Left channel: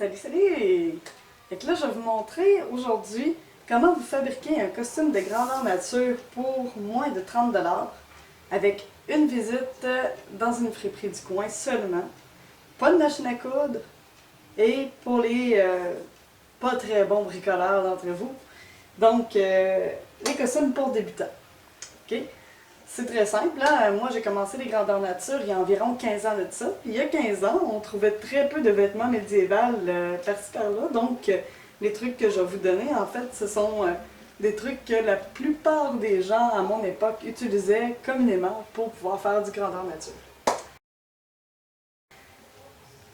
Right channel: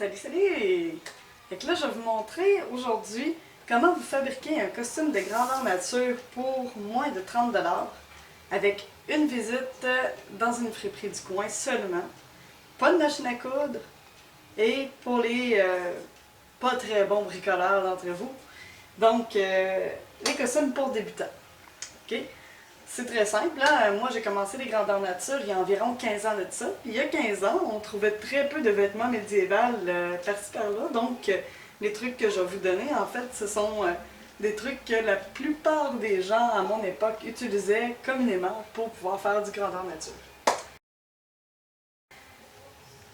Salut, salut! Fait que là, je vais vous montrer aujourd'hui comment vous fabriquer un costume de grandeur nature pour moins de 30 $ avec une visite dans une friperie du coin seulement, pas de machine à coudre et pour les pas très bons bricoleurs d'entre vous, donc les costumes pour débutants. Ok? C'est très simple, hein? Moi j'ai commencé les grandeurs nature il y a environ 15 ans de ça. Il y a 15 ans, on trouvait très peu de vêtements médiévaux par-ci par-là, donc les trucs que je vais vous donner, en fait, ce sont des trucs que la plupart des gens à mon époque utilisaient communément pour pouvoir faire du grandeur nature.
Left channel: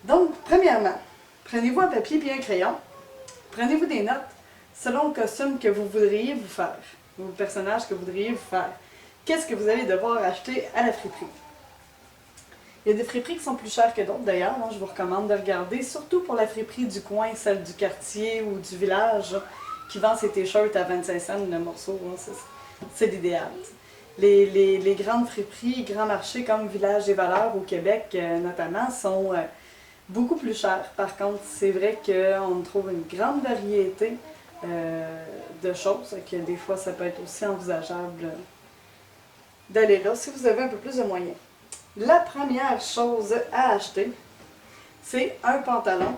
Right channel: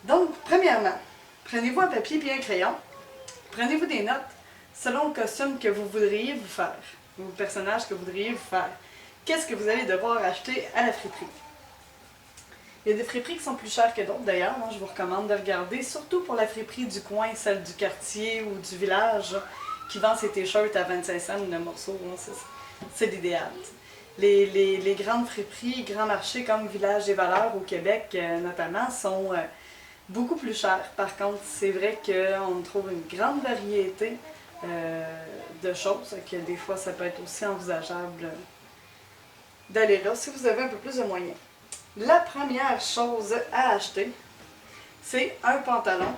Donc, premièrement, prenez-vous un papier et un crayon, prenez-vous des notes selon le costume que vous voudriez vous faire, ou le personnage que vous voudriez vous faire. Qu'est-ce que vous allez devoir acheter à la friperie? Il y a des friperies qui sont plus chères que d'autres d'ailleurs, je vous recommande de regarder, surtout pour la friperie du coin, celle du quartier ou du village, qui vend ses t-shirts à 25 cents le morceau, c'est l'idéal. Les grandes friperies, grands marchés comme Village des Valeurs au Québec notamment, sont beaucoup plus chers. Par contre, c'est vrai qu'on trouve une grande variété de choses, que des fois ça peut être aussi envisageable d'aller là si vous avez un peu plus de moyens. La première chose à acheter, c'est un pantalon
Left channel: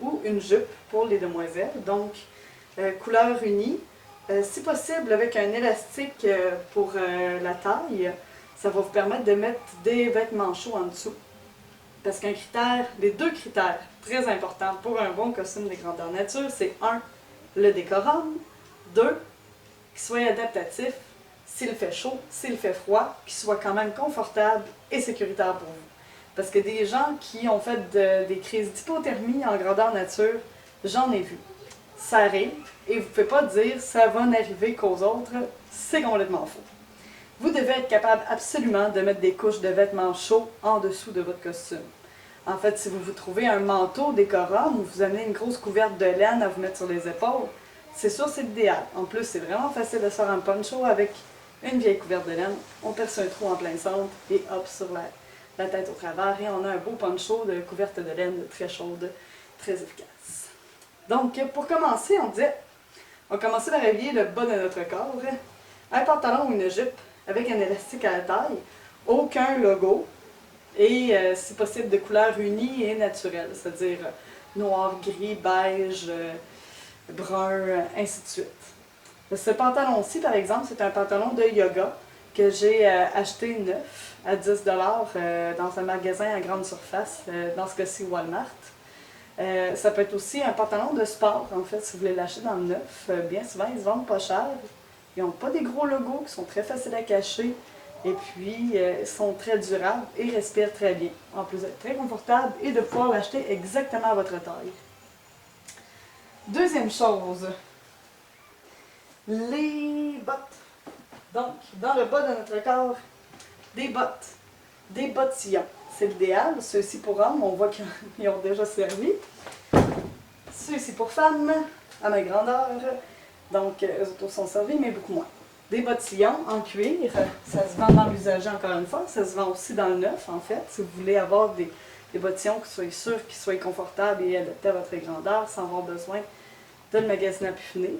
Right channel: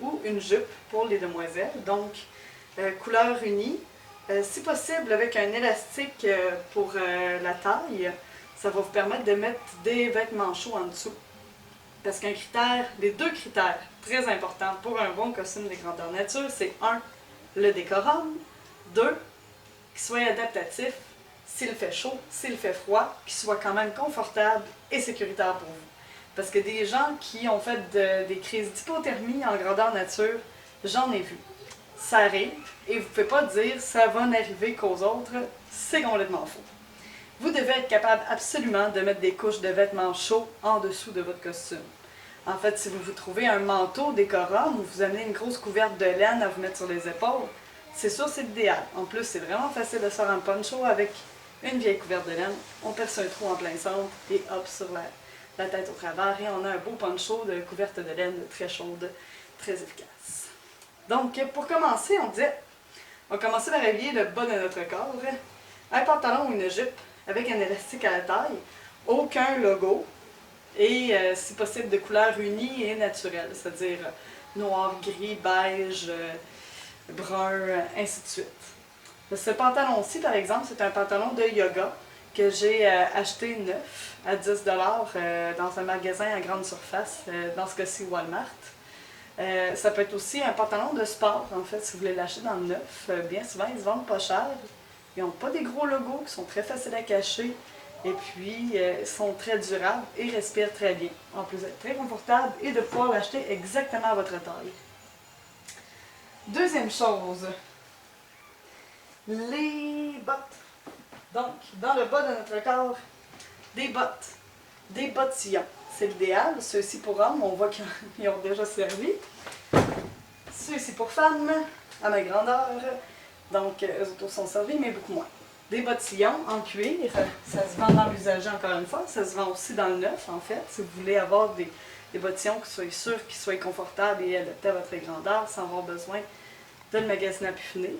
ou une jupe pour les demoiselles, donc couleur unie, si possible avec un élastique pour la taille, ça va vous permettre de mettre des vêtements chauds en dessous. Parce qu'un critère, les deux critères très importants pour un bon costume de grandeur nature, c'est 1, le décorum, 2, qu'il soit adaptatif, s'il fait chaud, s'il fait froid, qu'il soit quand même confortable et sécuritaire pour vous. Parce que des gens qui ont fait des crises d'hypothermie en grandeur nature, j'en ai vu. Ça arrive et vous ne pouvez pas dire ça va n'arriver qu'aux autres, c'est complètement faux. Vous devez être capable absolument de mettre des couches de vêtements chauds en dessous de votre costume. En fait, si vous vous trouvez un manteau décorum ou vous amenez une grosse couverte de laine à vous mettre sur les épaules, c'est sûr c'est l'idéal. En plus, c'est vraiment facile de se faire un poncho avec une vieille couverte de laine. On perce un trou en plein centre et hop, sur la tête au travers. Et on a un beau poncho de couverte de laine très chaude, très efficace. Donc, pour commencer, on va commencer par habiller le bas de notre corps. Un pantalon ou une jupe avec un élastique à la taille, aucun logo et si possible de couleur unie et naturelle, c'est-à-dire noir, gris, beige, brun, ainsi de suite. Ce pantalon-ci, par exemple, c'est un pantalon de yoga que j'ai acheté neuf à 10 $ dans un magasin à grande surface, dans ce cas-ci Walmart. Ça peut être aussi un pantalon de sport, en fait, si vous voulez l'acheter dans le neuf. Bien souvent, ils se vendent pas cher. Ils n'ont pas des gros logos qui sont très faciles à cacher. Et puis, ils sont très durables et respirent très bien. En plus d'être très confortable et de pouvoir l'acheter exactement à votre taille. Deuxième chose, les bottes. Donc, dans le bas de notre corps, des bottes. Des bottillons. C'est l'idéal. Ceux-ci pour hommes, on voit qu'ils ont déjà servi. Ceux-ci pour femmes, à ma grandeur. Donc, eux autres sont servis, mais beaucoup moins. Des bottillons en cuir, ça se vend dans l'usager encore une fois, ça se vend aussi dans le neuf en fait. Si vous voulez avoir des bottillons qui soient sûrs, qui soient confortables et adaptés à votre grandeur sans avoir besoin de le magasiner à pu finir.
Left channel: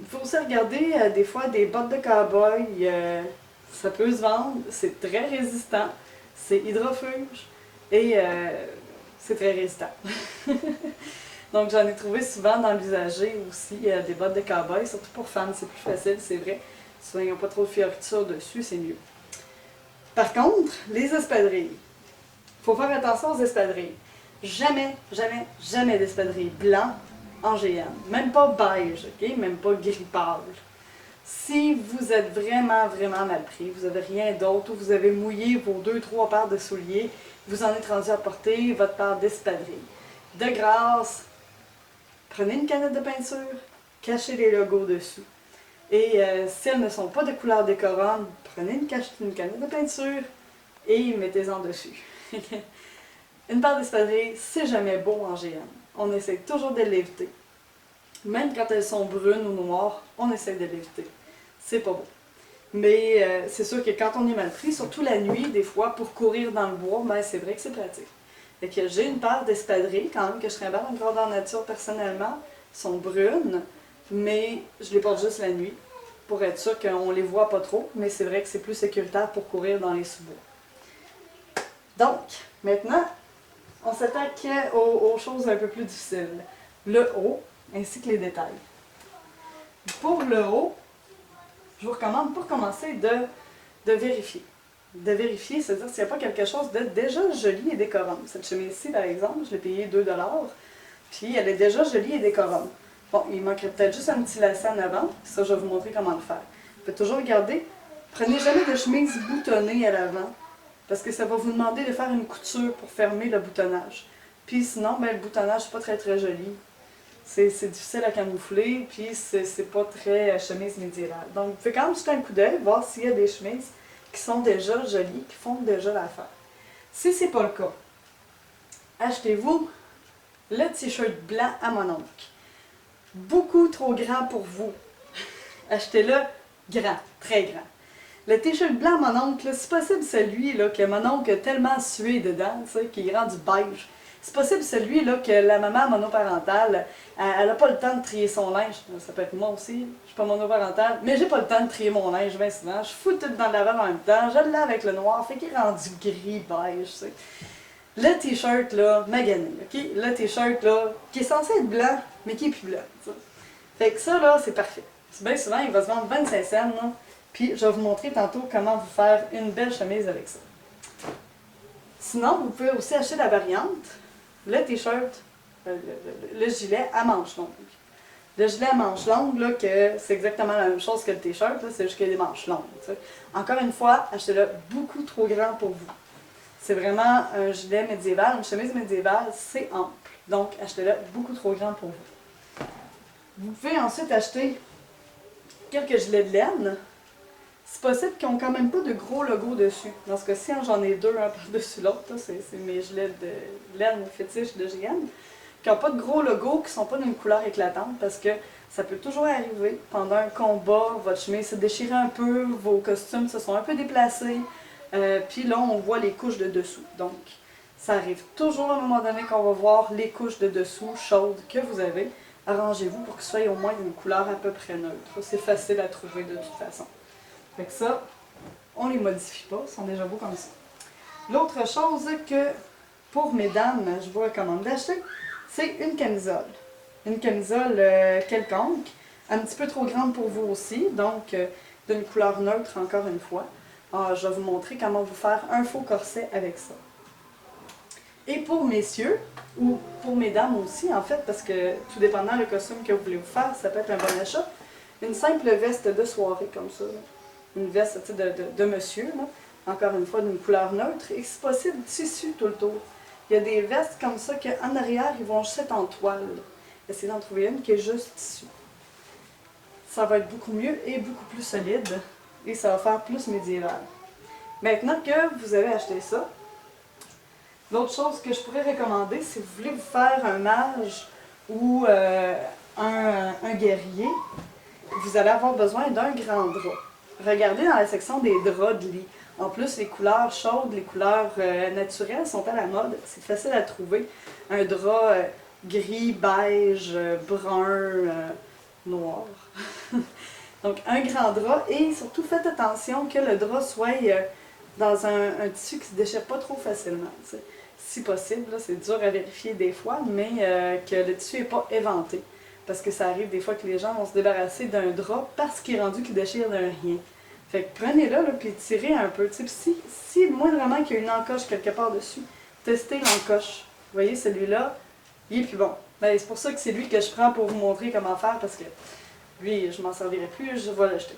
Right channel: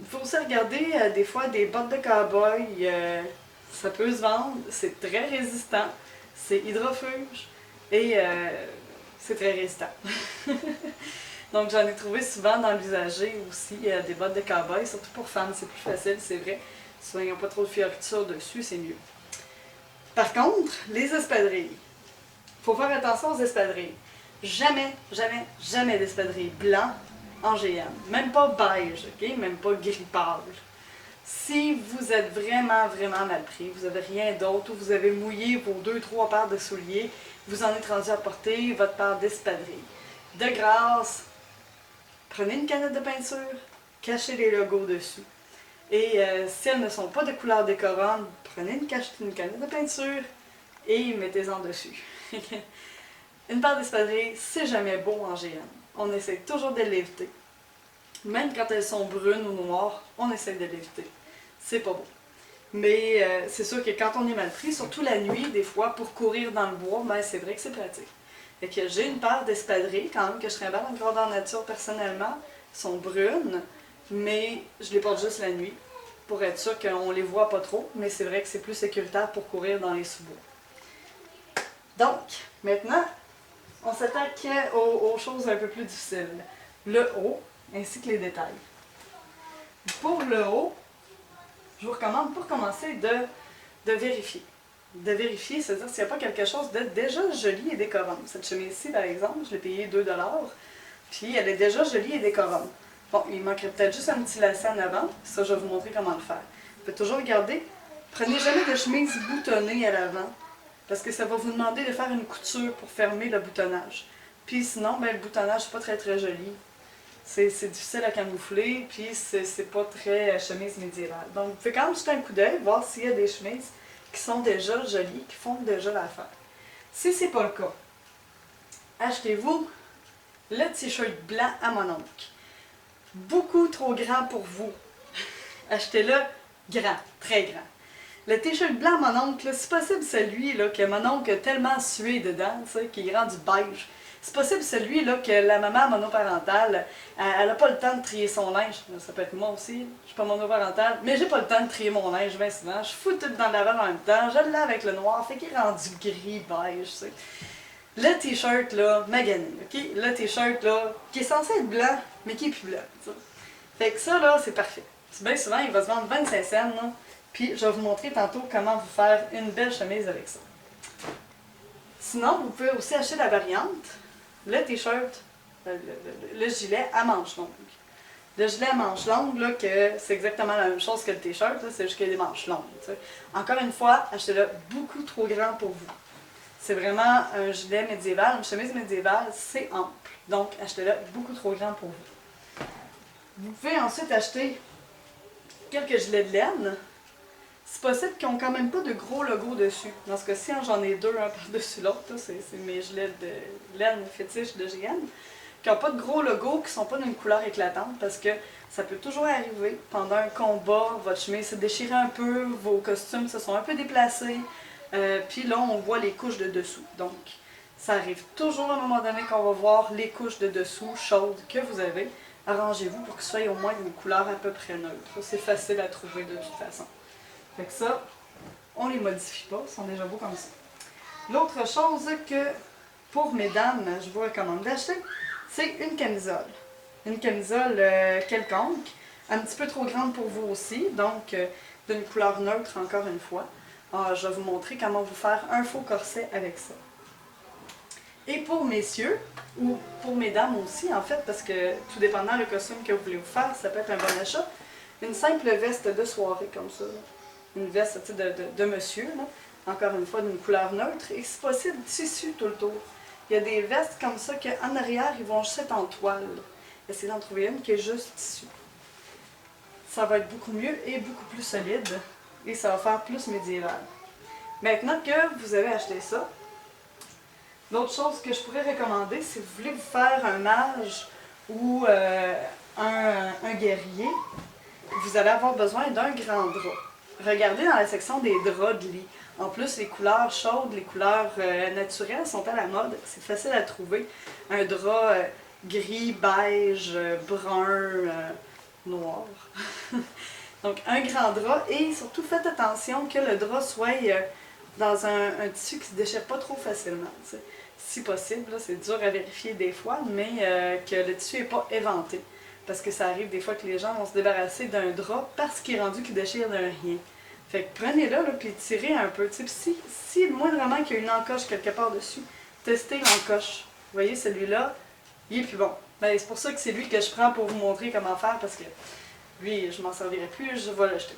Il faut aussi regarder des fois des bottes de cow-boy, ça peut se vendre, c'est très résistant, c'est hydrofuge et c'est très résistant. Donc j'en ai trouvé souvent dans l'usager aussi des bottes de cow-boy, surtout pour femmes, c'est plus facile, c'est vrai. Souvent, ils n'ont pas trop de fioritures dessus, c'est mieux. Par contre, les espadrilles. Il faut faire attention aux espadrilles. Jamais, jamais, jamais d'espadrilles blancs en GM. Même pas beige, ok? Même pas gris pâle. Si vous êtes vraiment, vraiment mal pris, vous n'avez rien d'autre, ou vous avez mouillé vos 2-3 paires de souliers, vous en êtes rendu à porter votre paire d'espadrilles. De grâce, prenez une canette de peinture, cachez les logos dessus. Et si elles ne sont pas de couleur décorum, prenez une canette de peinture et mettez-en dessus. Une paire d'espadrilles, c'est jamais beau en GN. On essaie toujours de l'éviter. Même quand elles sont brunes ou noires, on essaie de l'éviter. C'est pas beau. Mais c'est sûr que quand on est mal pris, surtout la nuit, des fois, pour courir dans le bois, ben, c'est vrai que c'est pratique. Fait que j'ai une paire d'espadrilles, quand même, que je trimballe encore dans la nature personnellement. Elles sont brunes, mais je les porte juste la nuit, pour être sûr qu'on les voit pas trop, mais c'est vrai que c'est plus sécuritaire pour courir dans les sous-bois. Donc, maintenant, on s'attaque aux choses un peu plus difficiles. Le haut, ainsi que les détails. Pour le haut, je vous recommande pour commencer de vérifier. De vérifier, c'est-à-dire s'il n'y a pas quelque chose de déjà joli et décorant. Cette chemise-ci, par exemple, je l'ai payée 2 $, puis elle est déjà jolie et décorante. Bon, il manquerait peut-être juste un petit lacet en avant, ça je vais vous montrer comment le faire. Vous pouvez toujours regarder, prenez jamais de chemise boutonnée à l'avant, parce que ça va vous demander de faire une couture pour fermer le boutonnage. Puis sinon, ben, le boutonnage n'est pas très très joli. C'est difficile à camoufler, puis c'est pas très chemise médiévale. Donc, vous pouvez quand même jeter un coup d'œil, voir s'il y a des chemises qui sont déjà jolies, qui font déjà l'affaire. Si c'est pas le cas, achetez-vous le t-shirt blanc à mon oncle. Beaucoup trop grand pour vous. Achetez-le grand, très grand. Le t-shirt blanc à mon oncle, c'est possible celui là, que mon oncle a tellement sué dedans, qu'il est rendu beige. C'est possible celui-là que la maman monoparentale, elle n'a pas le temps de trier son linge. Ça peut être moi aussi, je suis pas monoparentale, mais j'ai pas le temps de trier mon linge bien souvent. Je fous tout dans le lavabo en même temps, je le lave avec le noir, fait qu'il est rendu gris, beige, tu sais. Le t-shirt là, magané, ok? Le t-shirt là, qui est censé être blanc, mais qui est plus blanc, tu sais. Fait que ça là, c'est parfait. C'est bien souvent, il va se vendre 25 cents, là. Puis je vais vous montrer tantôt comment vous faire une belle chemise avec ça. Sinon, vous pouvez aussi acheter la variante. Le t-shirt, le gilet à manches longues. Le gilet à manches longues, là, que c'est exactement la même chose que le t-shirt, c'est juste qu'il y a des manches longues. T'sais. Encore une fois, achetez-le beaucoup trop grand pour vous. C'est vraiment un gilet médiéval, une chemise médiévale, c'est ample. Donc, achetez-le beaucoup trop grand pour vous. Vous pouvez ensuite acheter quelques gilets de laine. C'est possible qu'ils n'ont quand même pas de gros logo dessus. Dans ce cas-ci, j'en ai deux, un par-dessus l'autre. C'est mes gilets de laine fétiche de GN. Qui n'ont pas de gros logo, qui ne sont pas d'une couleur éclatante, parce que ça peut toujours arriver. Pendant un combat, votre chemise s'est déchirée un peu, vos costumes se sont un peu déplacés. Puis là, on voit les couches de dessous. Donc, ça arrive toujours à un moment donné qu'on va voir les couches de dessous chaudes que vous avez. Arrangez-vous pour que ce soit au moins d'une couleur à peu près neutre. C'est facile à trouver de toute façon. Fait que ça, on les modifie pas, ils sont déjà beaux comme ça. L'autre chose que, pour mesdames, je vous recommande d'acheter, c'est une camisole. Une camisole quelconque, un petit peu trop grande pour vous aussi, donc d'une couleur neutre encore une fois. Je vais vous montrer comment vous faire un faux corset avec ça. Et pour messieurs, ou pour mesdames aussi en fait, parce que tout dépendant le costume que vous voulez vous faire, ça peut être un bon achat, une simple veste de soirée comme ça. Une veste de monsieur, là. Encore une fois d'une couleur neutre, et si possible, tissu tout le tour. Il y a des vestes comme ça qu'en arrière, ils vont juste être en toile. Essayez d'en trouver une qui est juste tissu. Ça va être beaucoup mieux et beaucoup plus solide, et ça va faire plus médiéval. Maintenant que vous avez acheté ça, l'autre chose que je pourrais recommander, si vous voulez vous faire un mage ou un guerrier, vous allez avoir besoin d'un grand drap. Regardez dans la section des draps de lit. En plus, les couleurs chaudes, les couleurs naturelles sont à la mode. C'est facile à trouver. Un drap gris, beige, brun, noir. Donc, un grand drap. Et surtout, faites attention que le drap soit dans un tissu qui ne se déchire pas trop facilement. T'sais. Si possible, c'est dur à vérifier des fois, mais que le tissu n'est pas éventé. Parce que ça arrive des fois que les gens vont se débarrasser d'un drap parce qu'il est rendu qu'il déchire d'un rien. Fait que prenez-le, là, puis tirez un peu. Si moindrement qu'il y a une encoche quelque part dessus, testez l'encoche. Vous voyez, celui-là, il est plus bon. Ben, c'est pour ça que c'est lui que je prends pour vous montrer comment faire, parce que lui, je m'en servirai plus, je vais l'acheter.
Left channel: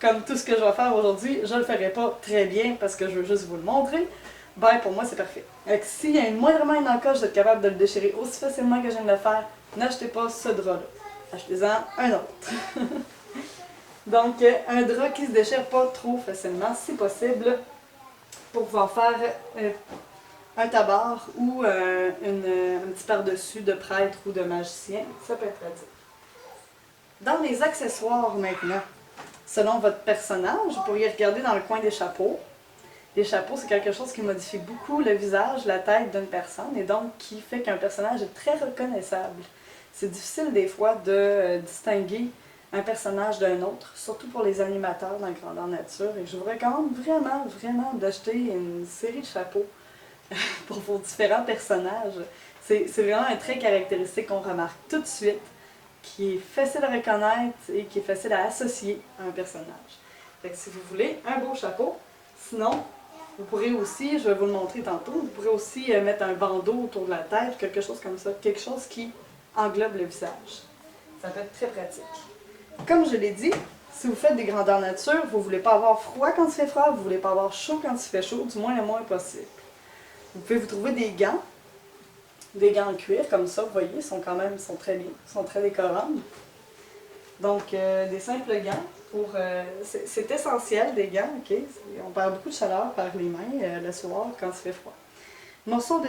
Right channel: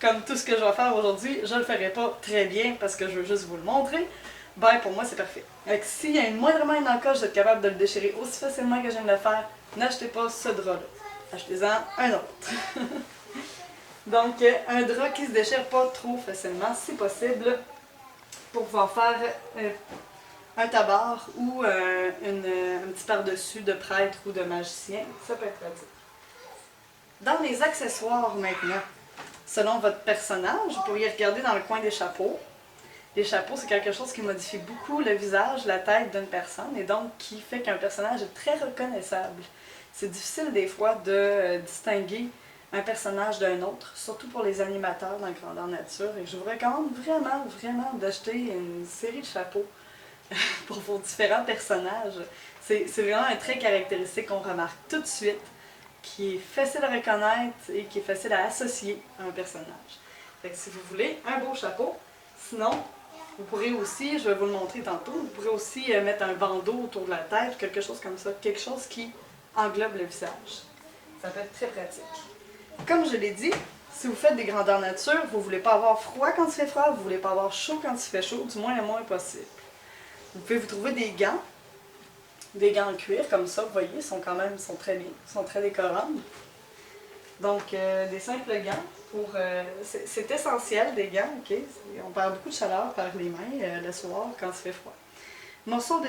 Comme tout ce que je vais faire aujourd'hui, je le ferai pas très bien parce que je veux juste vous le montrer. Ben, pour moi, c'est parfait. S'il y a moindrement une encoche, vous êtes capable de le déchirer aussi facilement que je viens de le faire, n'achetez pas ce drap-là. Achetez-en un autre. Donc, un drap qui ne se déchire pas trop facilement, si possible, pour pouvoir faire un tabard ou un petit par-dessus de prêtre ou de magicien. Ça peut être pratique. Dans les accessoires maintenant, selon votre personnage, vous pourriez regarder dans le coin des chapeaux. Les chapeaux, c'est quelque chose qui modifie beaucoup le visage, la tête d'une personne et donc qui fait qu'un personnage est très reconnaissable. C'est difficile des fois de distinguer un personnage d'un autre, surtout pour les animateurs dans Grandeur Nature. Et je vous recommande vraiment, vraiment d'acheter une série de chapeaux pour vos différents personnages. C'est vraiment un trait caractéristique qu'on remarque tout de suite, qui est facile à reconnaître et qui est facile à associer à un personnage. Fait que si vous voulez un beau chapeau, sinon, vous pourrez aussi, je vais vous le montrer tantôt, vous pourrez aussi mettre un bandeau autour de la tête, quelque chose comme ça, quelque chose qui englobe le visage. Ça peut être très pratique. Comme je l'ai dit, si vous faites des grandeurs nature, vous ne voulez pas avoir froid quand il fait froid, vous ne voulez pas avoir chaud quand il fait chaud, du moins le moins possible. Vous pouvez vous trouver des gants en cuir comme ça, vous voyez, sont très bien, sont très décorants. Donc, des simples gants, c'est essentiel des gants, ok? On perd beaucoup de chaleur par les mains le soir quand il fait froid. Morceaux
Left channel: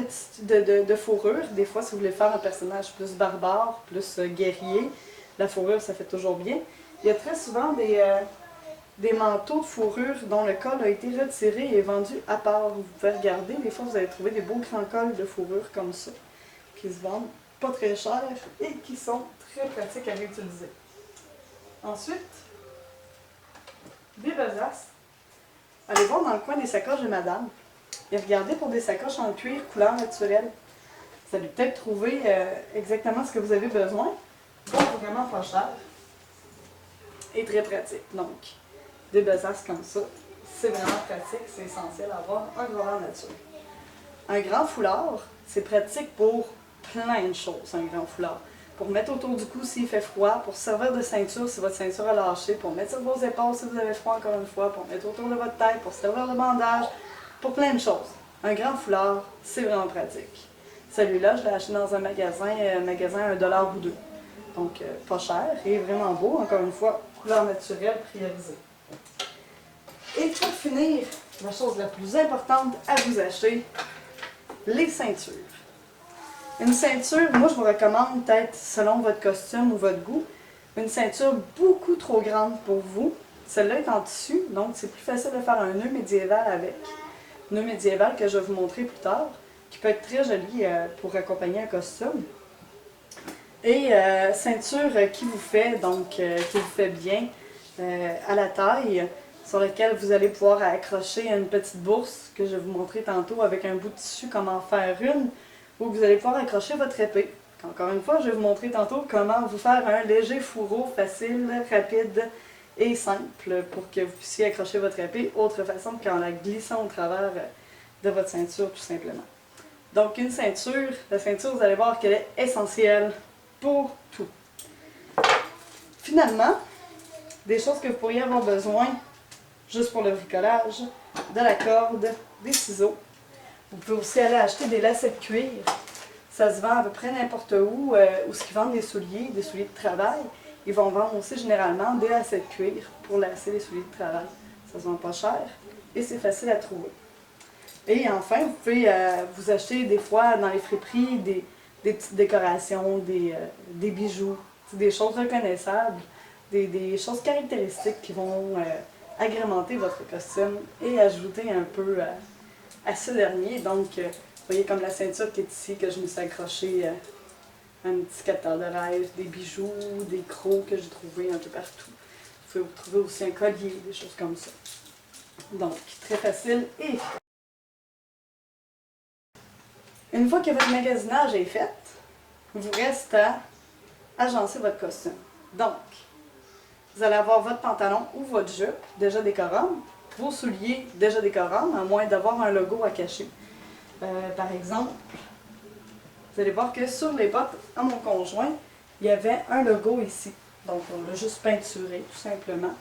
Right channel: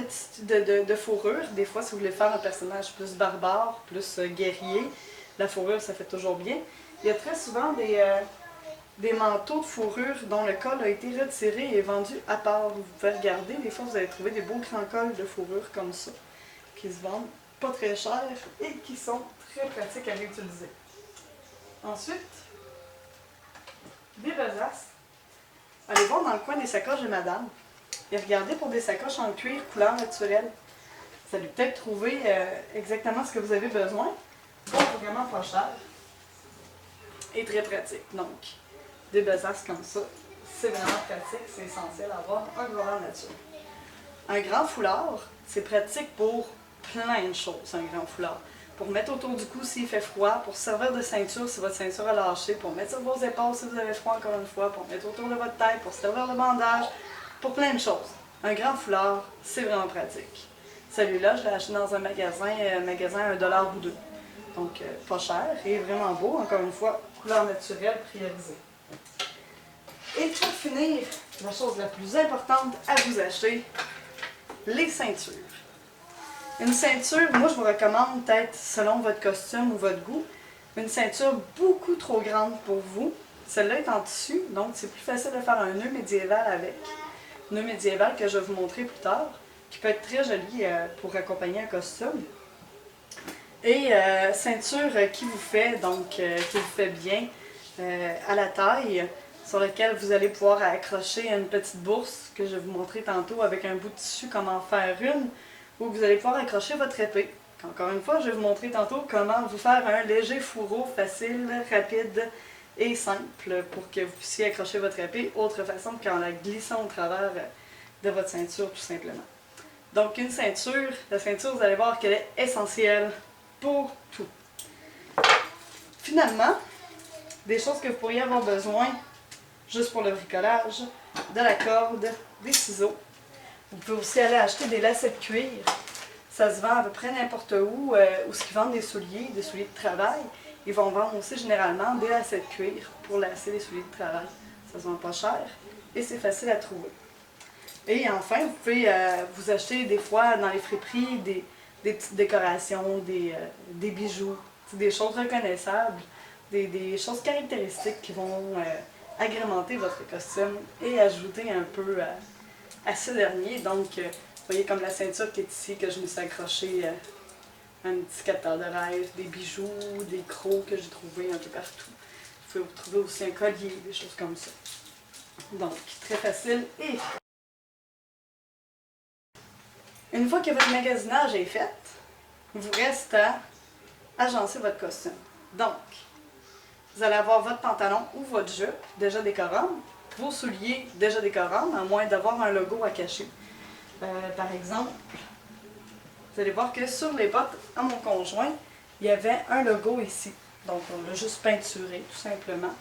de fourrure, des fois si vous voulez faire un personnage plus barbare, plus guerrier, la fourrure ça fait toujours bien. Il y a très souvent des manteaux de fourrure dont le col a été retiré et vendu à part. Vous pouvez regarder, des fois vous allez trouver des beaux grands cols de fourrure comme ça, qui se vendent pas très cher et qui sont très pratiques à réutiliser. Ensuite, des besaces. Allez voir dans le coin des sacoches de madame et regardez pour des sacoches en cuir couleur naturelle. Vous allez peut-être trouver exactement ce que vous avez besoin. Bon, vraiment pas cher et très pratique. Donc, des besaces comme ça, c'est vraiment pratique, c'est essentiel à avoir en grandeur nature. Un grand foulard, c'est pratique pour plein de choses, un grand foulard. Pour mettre autour du cou s'il fait froid, pour servir de ceinture si votre ceinture a lâché, pour mettre sur vos épaules si vous avez froid encore une fois, pour mettre autour de votre tête, pour servir de bandage, pour plein de choses. Un grand foulard, c'est vraiment pratique. Celui-là, je l'ai acheté dans un magasin à $1 ou 2. Donc, pas cher et vraiment beau, encore une fois, couleur naturelle priorisée. Et pour finir, la chose la plus importante à vous acheter, les ceintures. Une ceinture, moi je vous recommande peut-être selon votre costume ou votre goût, une ceinture beaucoup trop grande pour vous. Celle-là est en tissu, donc c'est plus facile de faire un nœud médiéval avec. Nœud médiéval que je vais vous montrer plus tard, qui peut être très joli pour accompagner un costume. Et ceinture qui vous fait, qui vous fait bien à la taille, sur laquelle vous allez pouvoir accrocher une petite bourse que je vais vous montrer tantôt avec un bout de tissu, comment faire une, où vous allez pouvoir accrocher votre épée. Encore une fois, je vais vous montrer tantôt comment vous faire un léger fourreau facile, rapide et simple pour que vous puissiez accrocher votre épée, autre façon qu'en la glissant au travers de votre ceinture tout simplement. Donc une ceinture, la ceinture vous allez voir qu'elle est essentielle pour tout. Finalement, des choses que vous pourriez avoir besoin juste pour le bricolage, de la corde, des ciseaux. Vous pouvez aussi aller acheter des lacets de cuir. Ça se vend à peu près n'importe où ce qu'ils vendent des souliers de travail. Ils vont vendre aussi généralement des lacets de cuir pour lasser les souliers de travail. Ça se vend pas cher et c'est facile à trouver. Et enfin, vous pouvez vous acheter des fois dans les friperies des petites décorations, des bijoux, des choses reconnaissables, des choses caractéristiques qui vont agrémenter votre costume et ajouter un peu à ce dernier. Donc, vous voyez comme la ceinture qui est ici, que je me suis accrochée un petit capteur de rêve, des bijoux, des crocs que j'ai trouvés un peu partout. Vous pouvez trouver aussi un collier, des choses comme ça. Donc, très facile et efficace. Une fois que votre magasinage est fait, il vous reste à agencer votre costume. Donc, vous allez avoir votre pantalon ou votre jupe déjà décorante, vos souliers déjà décorants, à moins d'avoir un logo à cacher. Par exemple, vous allez voir que sur les bottes à mon conjoint, il y avait un logo ici. Donc, on l'a juste peinturé, tout simplement.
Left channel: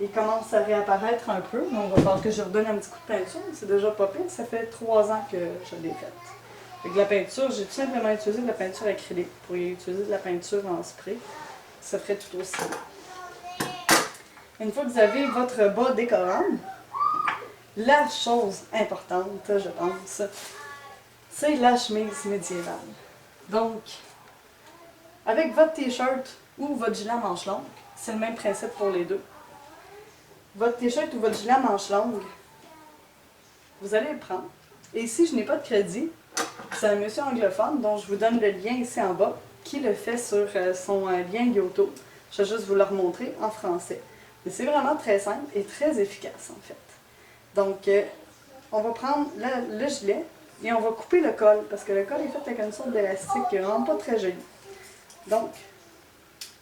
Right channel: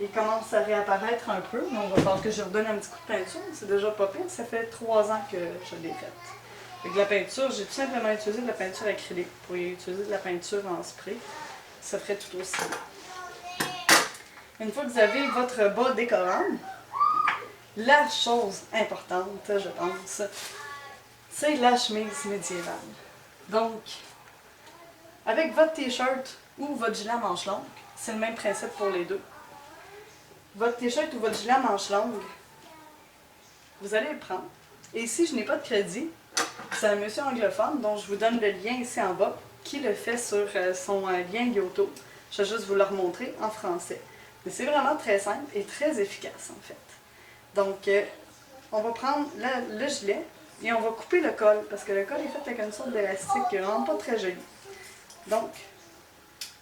Il commence à réapparaître un peu, donc il va falloir que je redonne un petit coup de peinture. C'est déjà pas pire, ça fait 3 ans que je l'ai faite. Avec la peinture, j'ai tout simplement utilisé de la peinture acrylique. Vous pourriez utiliser de la peinture en spray, ça ferait tout aussi bien. Une fois que vous avez votre bas décorant, la chose importante, je pense, c'est la chemise médiévale. Donc, avec votre t-shirt ou votre gilet à manches longues, c'est le même principe pour les deux. Votre t-shirt ou votre gilet à manches longues, vous allez le prendre. Et ici, je n'ai pas de crédit. C'est un monsieur anglophone dont je vous donne le lien ici en bas qui le fait sur son lien Yoto. Je vais juste vous le remontrer en français. Mais c'est vraiment très simple et très efficace en fait. Donc, on va prendre le gilet et on va couper le col parce que le col est fait avec une sorte d'élastique qui est vraiment pas très joli. Donc,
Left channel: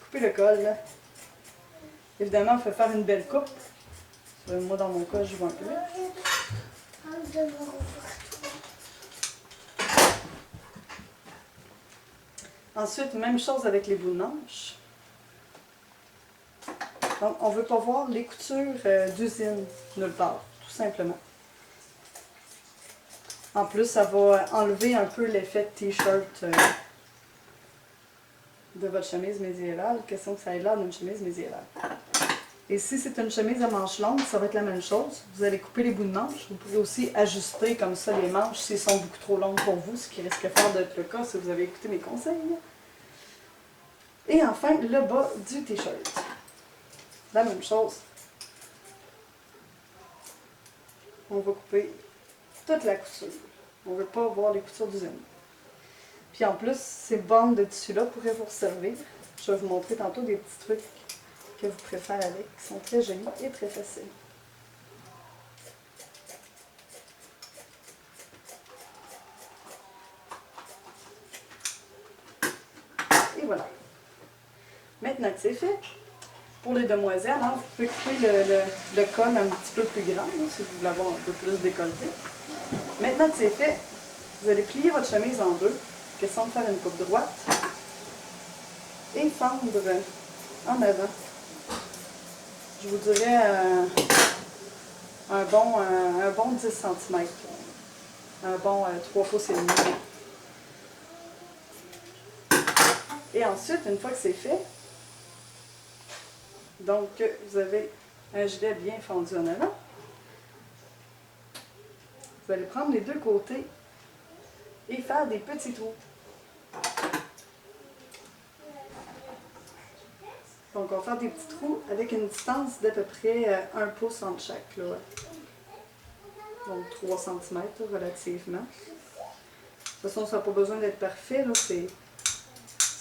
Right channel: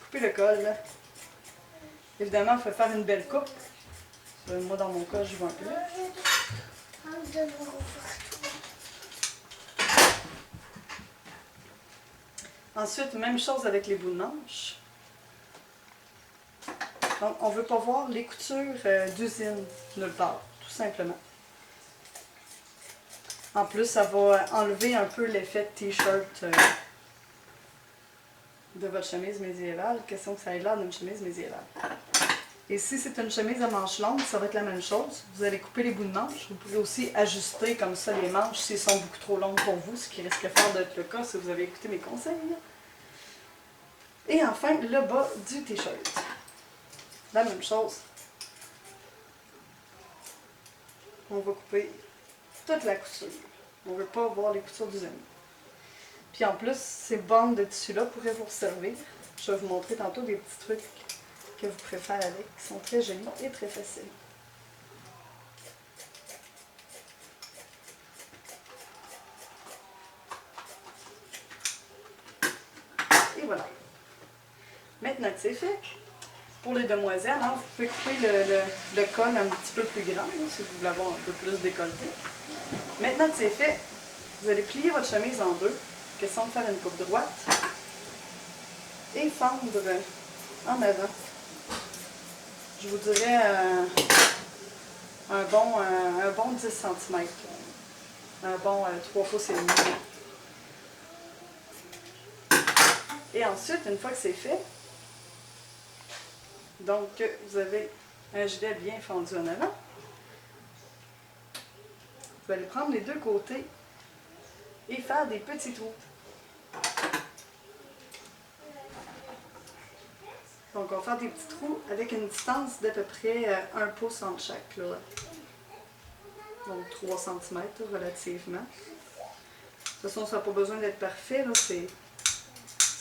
couper le col. Là. Évidemment, il faut faire une belle coupe. Moi, dans mon cas, je vois un peu. Ensuite, même chose avec les bouts de manche. Donc, on ne veut pas voir les coutures d'usine nulle part, tout simplement. En plus, ça va enlever un peu l'effet de t-shirt de votre chemise médiévale. Question que ça ait l'air d'une chemise médiévale. Et si c'est une chemise à manches longues, ça va être la même chose. Vous allez couper les bouts de manches. Vous pouvez aussi ajuster comme ça les manches s'ils sont beaucoup trop longues pour vous, ce qui risque fort d'être le cas si vous avez écouté mes conseils. Et enfin, le bas du t-shirt. La même chose. On va couper toute la couture. On ne veut pas voir les coutures d'usine. Puis en plus, ces bandes de tissu-là pourraient vous servir. Je vais vous montrer tantôt des petits trucs que vous pouvez faire avec, qui sont très jolis et très faciles. Et voilà. Maintenant que c'est fait, pour les demoiselles, hein, vous pouvez couper le col un petit peu plus grand, là, si vous voulez avoir un peu plus décolleté. Maintenant que c'est fait, vous allez plier votre chemise en deux, question de faire une coupe droite, et fendre en avant. Je vous dirais un bon 10 cm, un bon 3 pouces et demi. Et ensuite, une fois que c'est fait, donc vous avez un gilet bien fendu en avant. Vous allez prendre les deux côtés et faire des petits trous. Donc, on va faire des petits trous avec une distance d'à peu près 1 pouce entre chaque. Là. Donc, 3 cm relativement. De toute façon, ça n'a pas besoin d'être parfait. C'est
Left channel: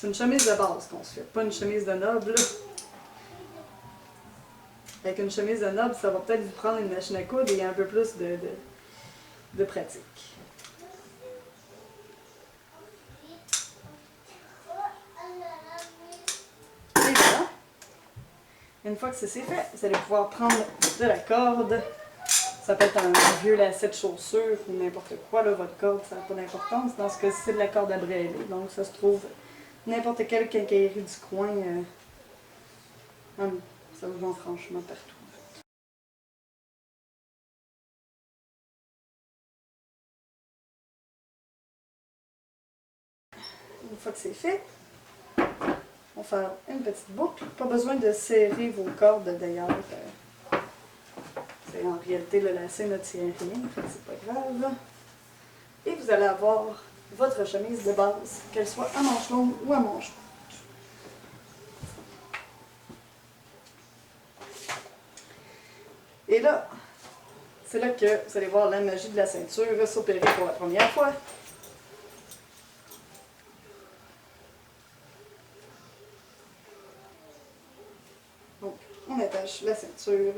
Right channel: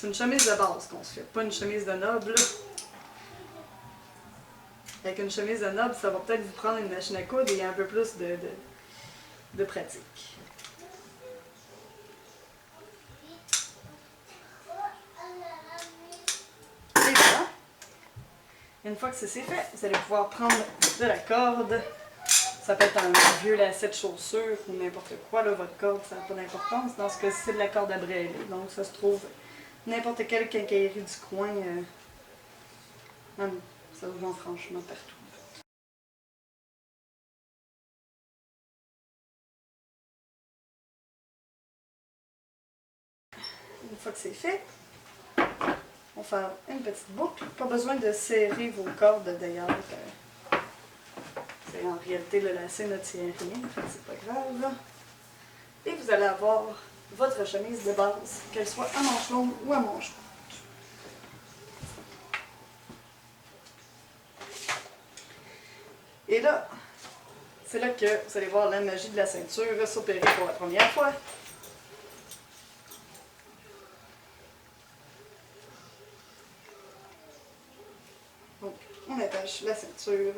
une chemise de base qu'on se fait, pas une chemise de noble. Avec une chemise de noble, ça va peut-être vous prendre une machine à coudre et un peu plus de pratique. Et voilà. Une fois que c'est fait, vous allez pouvoir prendre de la corde. Ça peut être un vieux lacet de chaussure ou n'importe quoi. Là, votre corde, ça n'a pas d'importance. Dans ce cas-ci, c'est de la corde à brêler. Donc, ça se trouve n'importe quelle quincaillerie du coin. Ça vous vend franchement partout. Une fois que c'est fait, on va faire une petite boucle. Pas besoin de serrer vos cordes d'ailleurs. En réalité, le lacet ne tient rien, c'est pas grave. Et vous allez avoir votre chemise de base, qu'elle soit à manches longues ou à manches courtes. Et là, c'est là que vous allez voir la magie de la ceinture s'opérer pour la première fois. Donc, on attache la ceinture.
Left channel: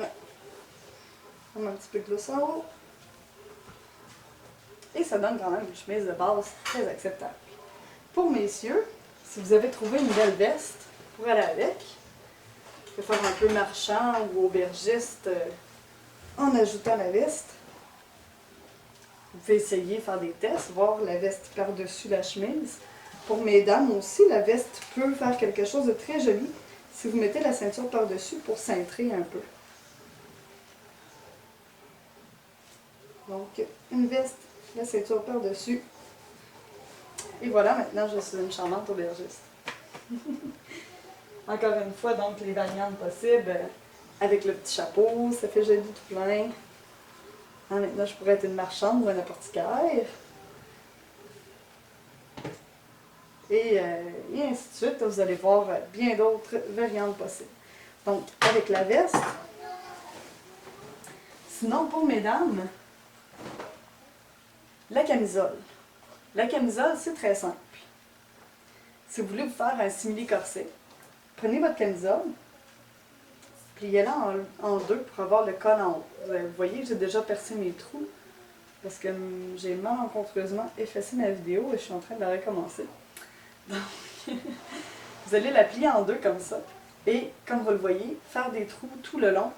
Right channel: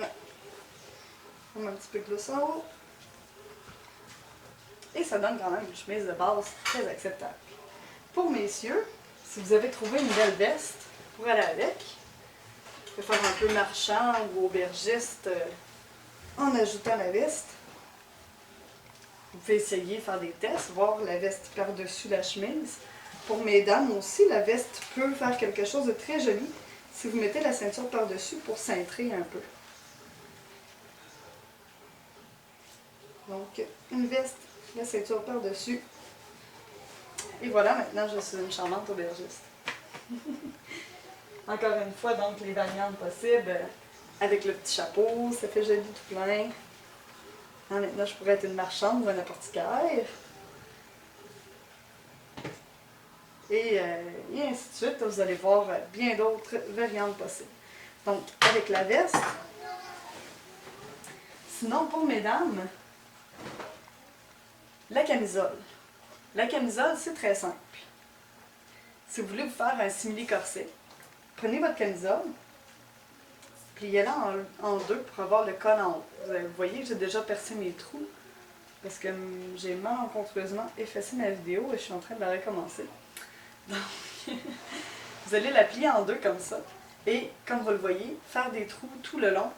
On met un petit peu de glousse en haut. Et ça donne quand même une chemise de base très acceptable. Pour messieurs, si vous avez trouvé une belle veste pour aller avec, vous pouvez faire un peu marchand ou aubergiste en ajoutant la veste. Vous pouvez essayer de faire des tests, voir la veste par-dessus la chemise. Pour mesdames aussi, la veste peut faire quelque chose de très joli si vous mettez la ceinture par-dessus pour cintrer un peu. Donc, une veste, la ceinture par-dessus. Et voilà, maintenant, je suis une charmante aubergiste. Encore une fois, donc, les variantes possibles. Avec le petit chapeau, ça fait joli tout plein. Maintenant, je pourrais être une marchande ou un apothicaire. Et ainsi de suite, vous allez voir bien d'autres variantes possibles. Donc, avec la veste. Sinon, pour mesdames, La camisole. La camisole, c'est très simple. Si vous voulez vous faire un simili-corset, prenez votre camisole, pliez-la en deux pour avoir le col en haut. Vous voyez, j'ai déjà percé mes trous parce que j'ai malencontreusement effacé ma vidéo et je suis en train de la recommencer. Donc, vous allez la plier en deux comme ça et, comme vous le voyez, faire des trous tout le long.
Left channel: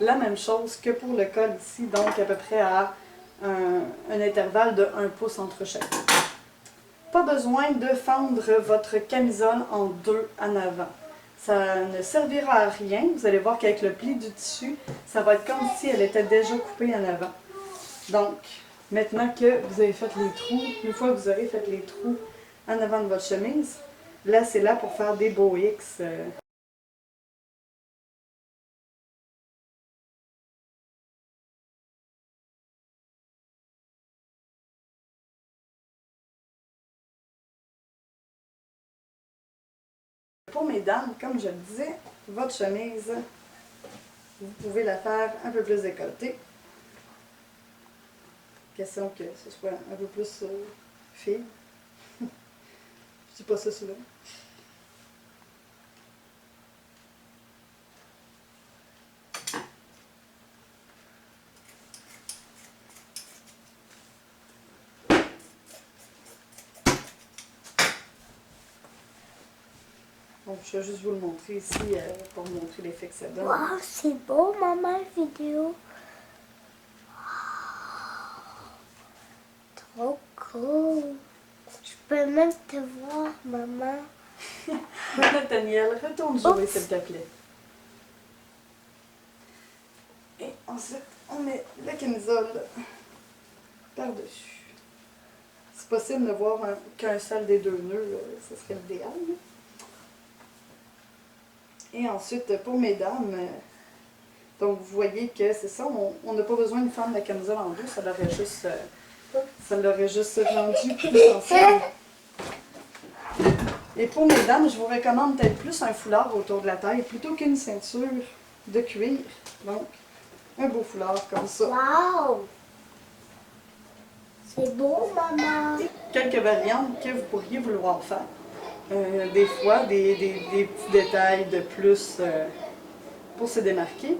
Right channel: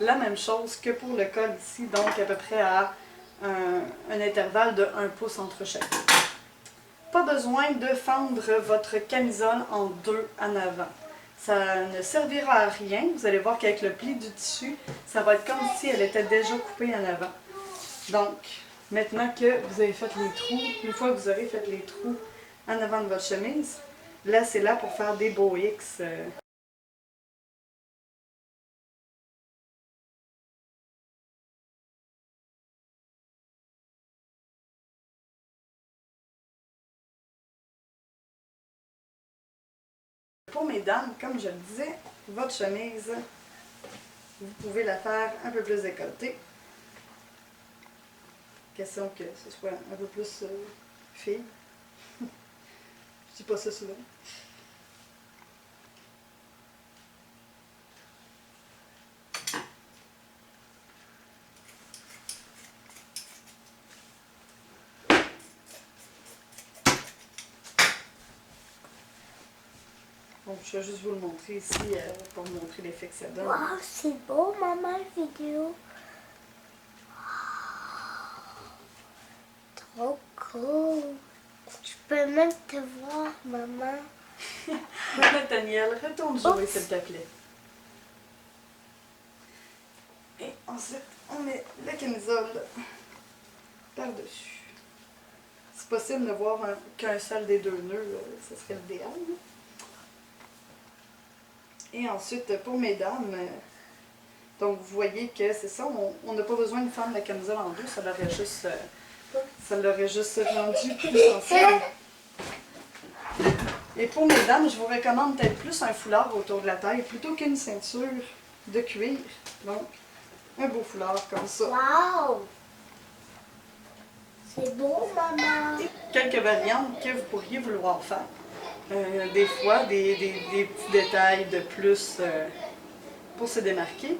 La même chose que pour le col ici, donc à peu près à un intervalle de 1 pouce entre chaque. Pas besoin de fendre votre camisole en deux en avant. Ça ne servira à rien. Vous allez voir qu'avec le pli du tissu, ça va être comme si elle était déjà coupée en avant. Donc, maintenant que vous avez fait les trous, une fois que vous aurez fait les trous en avant de votre chemise, là, c'est là pour faire des beaux X. Pour mesdames, comme je le disais, votre chemise, vous pouvez la faire un peu plus décolletée. Question que ce soit un peu plus fille. Je dis pas ça souvent. Donc, je vais juste vous le montrer ici pour vous montrer l'effet que ça donne. Wow, c'est beau, maman, la vidéo. Trop cool. Je peux même te voir, maman. Nathaniel, retourne jouer, s'il te plaît. Et ensuite, on met la camisole par-dessus. C'est possible de voir qu'un seul des deux nœuds, ce serait l'idéal. Et ensuite, pour mesdames, donc vous voyez que c'est ça, on n'a pas besoin de fendre la camisole en deux, ça l'aurait juste rendu plus sensible. Et pour mesdames, je vous recommande peut-être plus un foulard autour de la taille plutôt qu'une ceinture de cuir. Donc, un beau foulard comme ça. Wow! C'est beau, maman. Quelques variantes que vous pourriez vouloir faire. Des fois, des petits détails de plus pour se démarquer.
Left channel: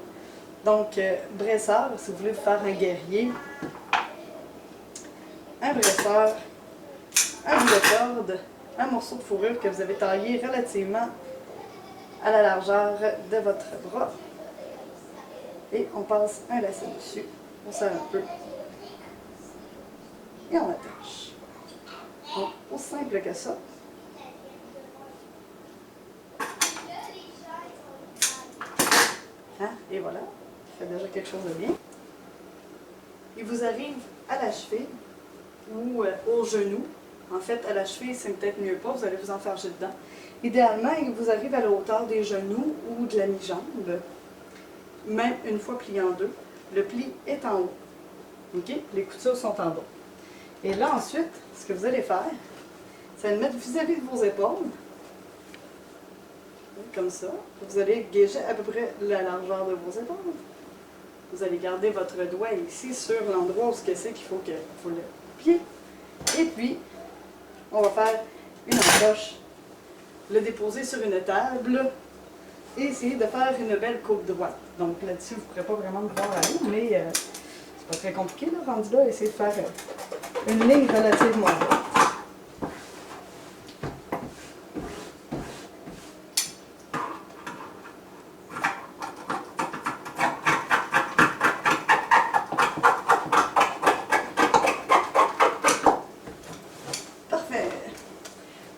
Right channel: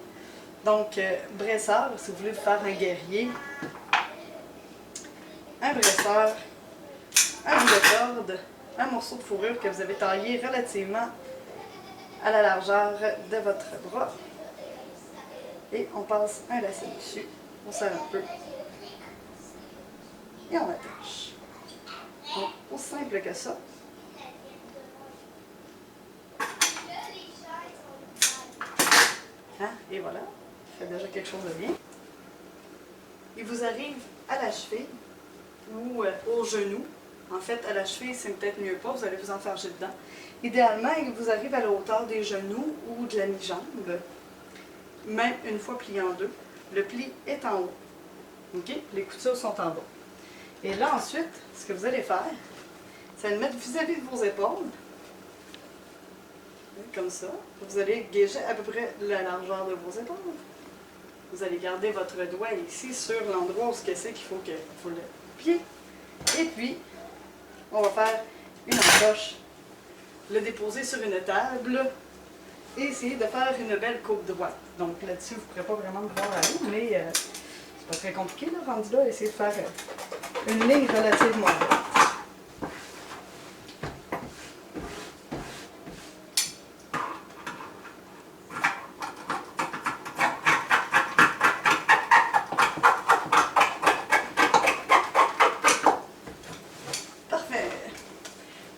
Donc, bresseur, si vous voulez vous faire un guerrier, un bresseur, un bout de corde, un morceau de fourrure que vous avez taillé relativement à la largeur de votre bras. Et on passe un lacet dessus, on serre un peu et on attache. Donc, aussi simple que ça. Hein? Et voilà, ça fait déjà quelque chose de bien. Il vous arrive à la cheville ou au genou. En fait, à la cheville, c'est peut-être mieux pas, vous allez vous enfarger dedans. Idéalement, il vous arrive à la hauteur des genoux ou de la mi-jambe, même une fois plié en deux. Le pli est en haut. OK? Les coutures sont en bas. Et là, ensuite, ce que vous allez faire, c'est le mettre vis-à-vis de vos épaules. Comme ça. Vous allez gauger à peu près la largeur de vos épaules. Vous allez garder votre doigt ici sur l'endroit où c'est qu'il faut le pied. Et puis, on va faire une encoche, le déposer sur une table et essayer de faire une belle coupe droite. Donc là-dessus, vous ne pourrez pas vraiment me voir aller, mais c'est pas très compliqué, là, rendu là, essayer de faire une ligne relativement droite.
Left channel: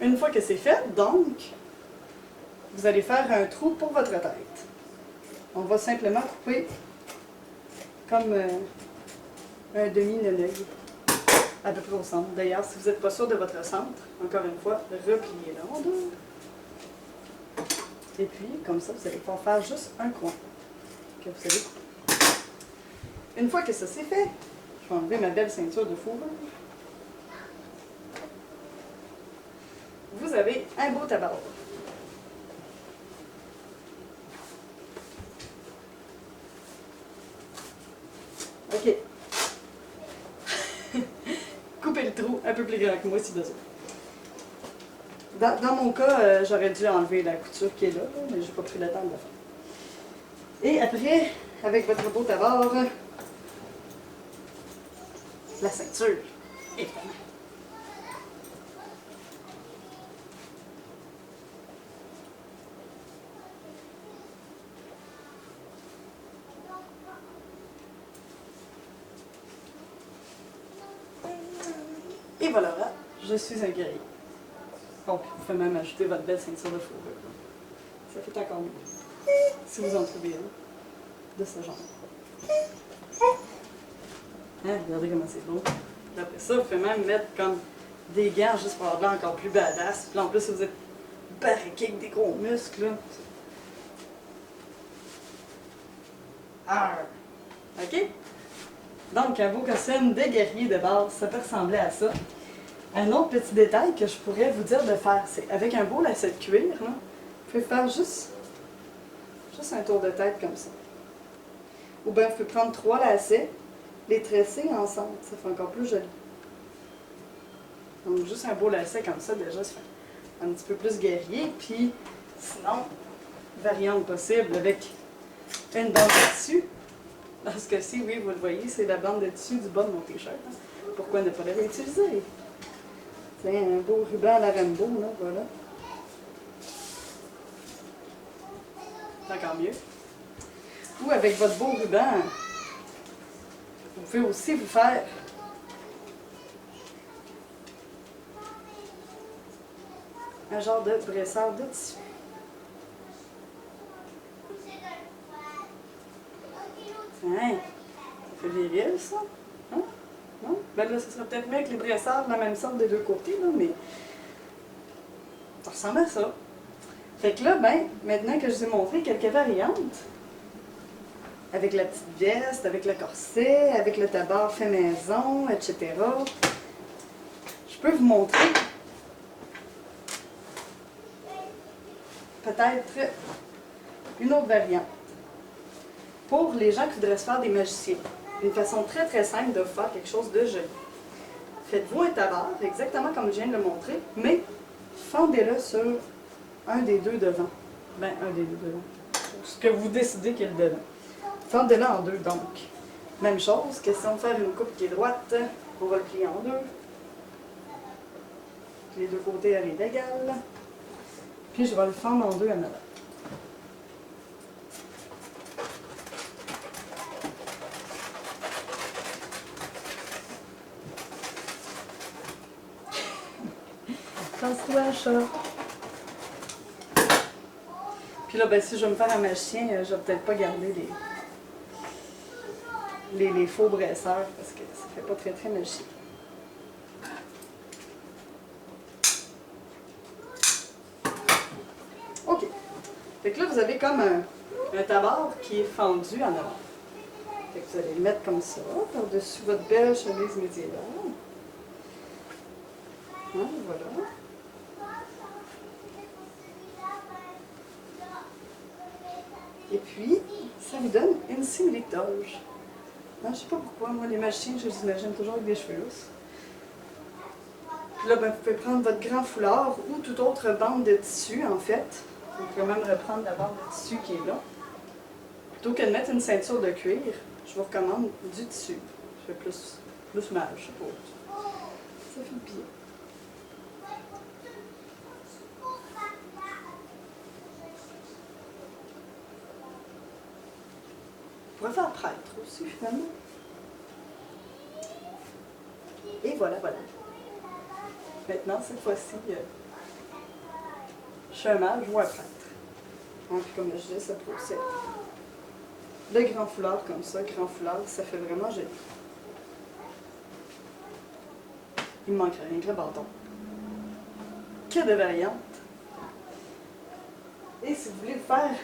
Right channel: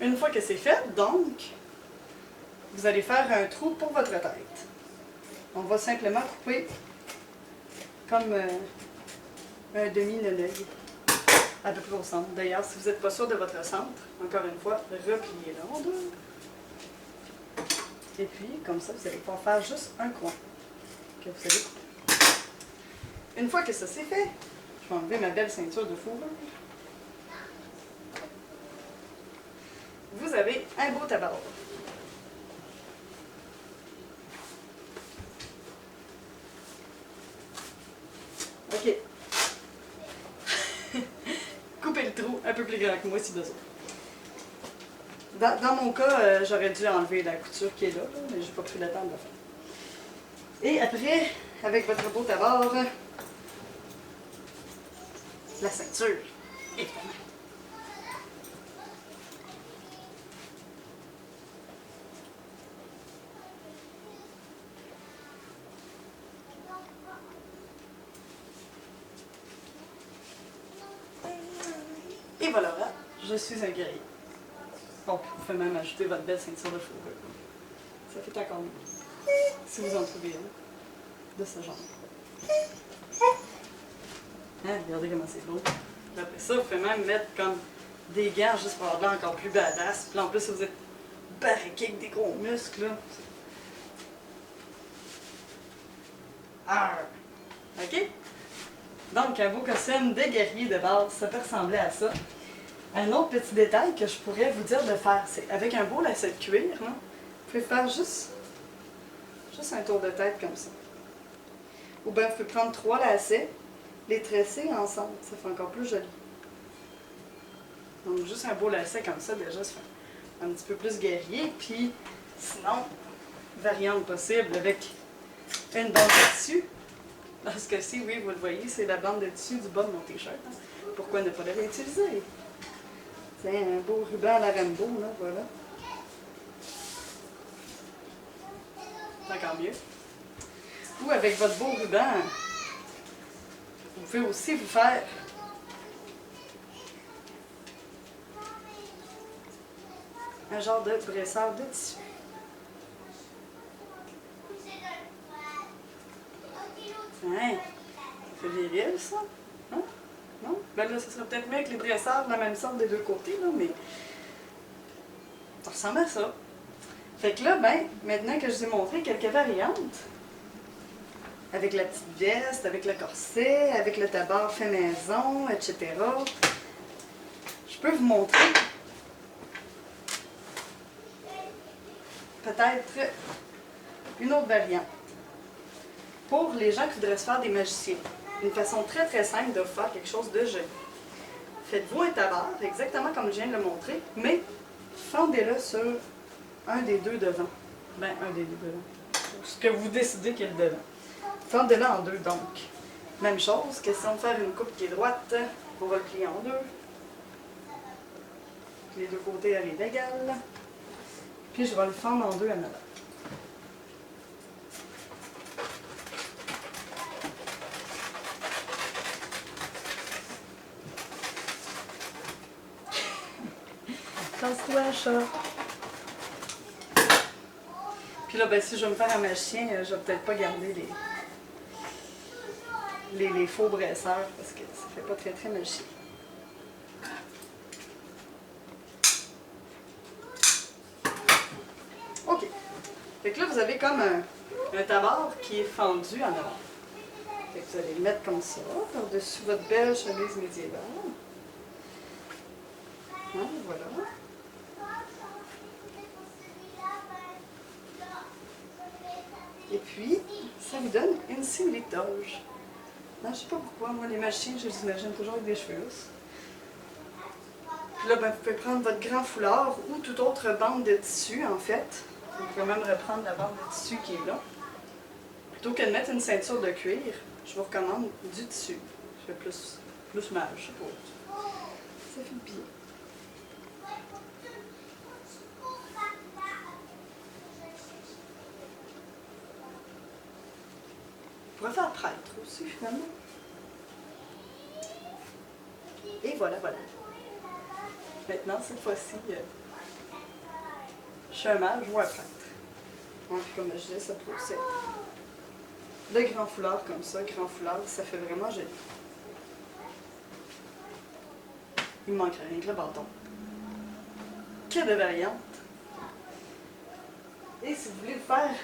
Une fois que c'est fait, donc, vous allez faire un trou pour votre tête. On va simplement couper comme un demi-nœud, à peu près au centre. D'ailleurs, si vous n'êtes pas sûr de votre centre, encore une fois, repliez-le en deux. Et puis, comme ça, vous allez pouvoir faire juste un coin que vous allez couper. Une fois que ça c'est fait, je vais enlever ma belle ceinture de fourrure. Vous avez un beau tabac. OK. grand que moi si besoin. Dans mon cas, j'aurais dû enlever la couture qui est là, mais j'ai pas pris le temps de le faire. Et après, avec votre beau tabard, la ceinture, évidemment. Et voilà, je suis un guerrier. Donc, vous pouvez même ajouter votre belle ceinture de fourrure. Ça fait encore mieux. Si vous en trouvez une de ce genre. Hein, regardez comment c'est beau. Puis après ça, vous pouvez même mettre comme des gants juste pour avoir l'air encore plus badass. Puis là, en plus, si vous êtes barriqué avec des gros muscles, là. Arr! OK? Donc, un beau costume de guerrier de base, ça peut ressembler à ça. Un autre petit détail que je pourrais vous dire de faire, c'est avec un beau lacet de cuir, là, vous pouvez faire juste un tour de tête comme ça. Ou bien vous pouvez prendre 3 lacets, les tresser ensemble, ça fait encore plus joli. Donc juste un beau lacet comme ça, déjà, ça fait un petit peu plus guerrier. Puis sinon, variante possible avec une bande de tissu. Parce que si, oui, vous le voyez, c'est la bande de tissu du bas de mon t-shirt. Hein. Pourquoi ne pas le réutiliser? C'est un beau ruban à la Rainbow, là, voilà. C'est encore mieux. Ou avec votre beau ruban, vous pouvez aussi vous faire un genre de bresseur de tissu. Hein? Ça fait viril, ça? Hein? Non? Ben là, ce serait peut-être mieux avec les bresseurs de la même sorte des deux côtés, là, mais ça ressemble à ça. Fait que là, ben, maintenant que je vous ai montré quelques variantes, avec la petite veste, avec le corset, avec le tabard fait maison, etc., je peux vous montrer peut-être une autre variante. Pour les gens qui voudraient se faire des magiciens, une façon très très simple de faire quelque chose de joli. Faites-vous un tabard, exactement comme je viens de le montrer, mais fendez-le sur un des deux devant. Ben, un des deux devant. Ce que vous décidez qu'il est le devant. Fendez-le en deux, donc. Même chose, question de faire une coupe qui est droite, on va le plier en deux. Les deux côtés arrivent égales. Puis je vais le fendre en deux à l'avant. Casse-toi, chat. Puis là, ben, si je vais me faire un magicien, je vais peut-être pas garder les faux bresseurs parce que ça fait pas très très magicien. OK. Fait que là, vous avez comme un tabard qui est fendu en avant. Fait que vous allez le mettre comme ça, par-dessus votre belle chemise médiévale. Hein, voilà. Et puis, ça vous donne une simili-toge. Je sais pas pourquoi, moi, les magiciens, je les imagine toujours avec des cheveux lousses. Puis là, ben, vous pouvez prendre votre grand foulard ou toute autre bande de tissu, en fait. Vous pouvez même reprendre la bande de tissu qui est là. Plutôt que de mettre une ceinture de cuir, je vous recommande du tissu. Je fais plus mal, je sais pas. Ça fait bien. On pourrait faire prêtre aussi, finalement. Et voilà, voilà. Maintenant, cette fois-ci, je suis un mage ou un prêtre. Hein, puis comme je disais, ça peut aussi être le grand foulard comme ça. Grand foulard, ça fait vraiment joli. Il me manquerait rien que le bâton. Que de variantes. Et si vous voulez le faire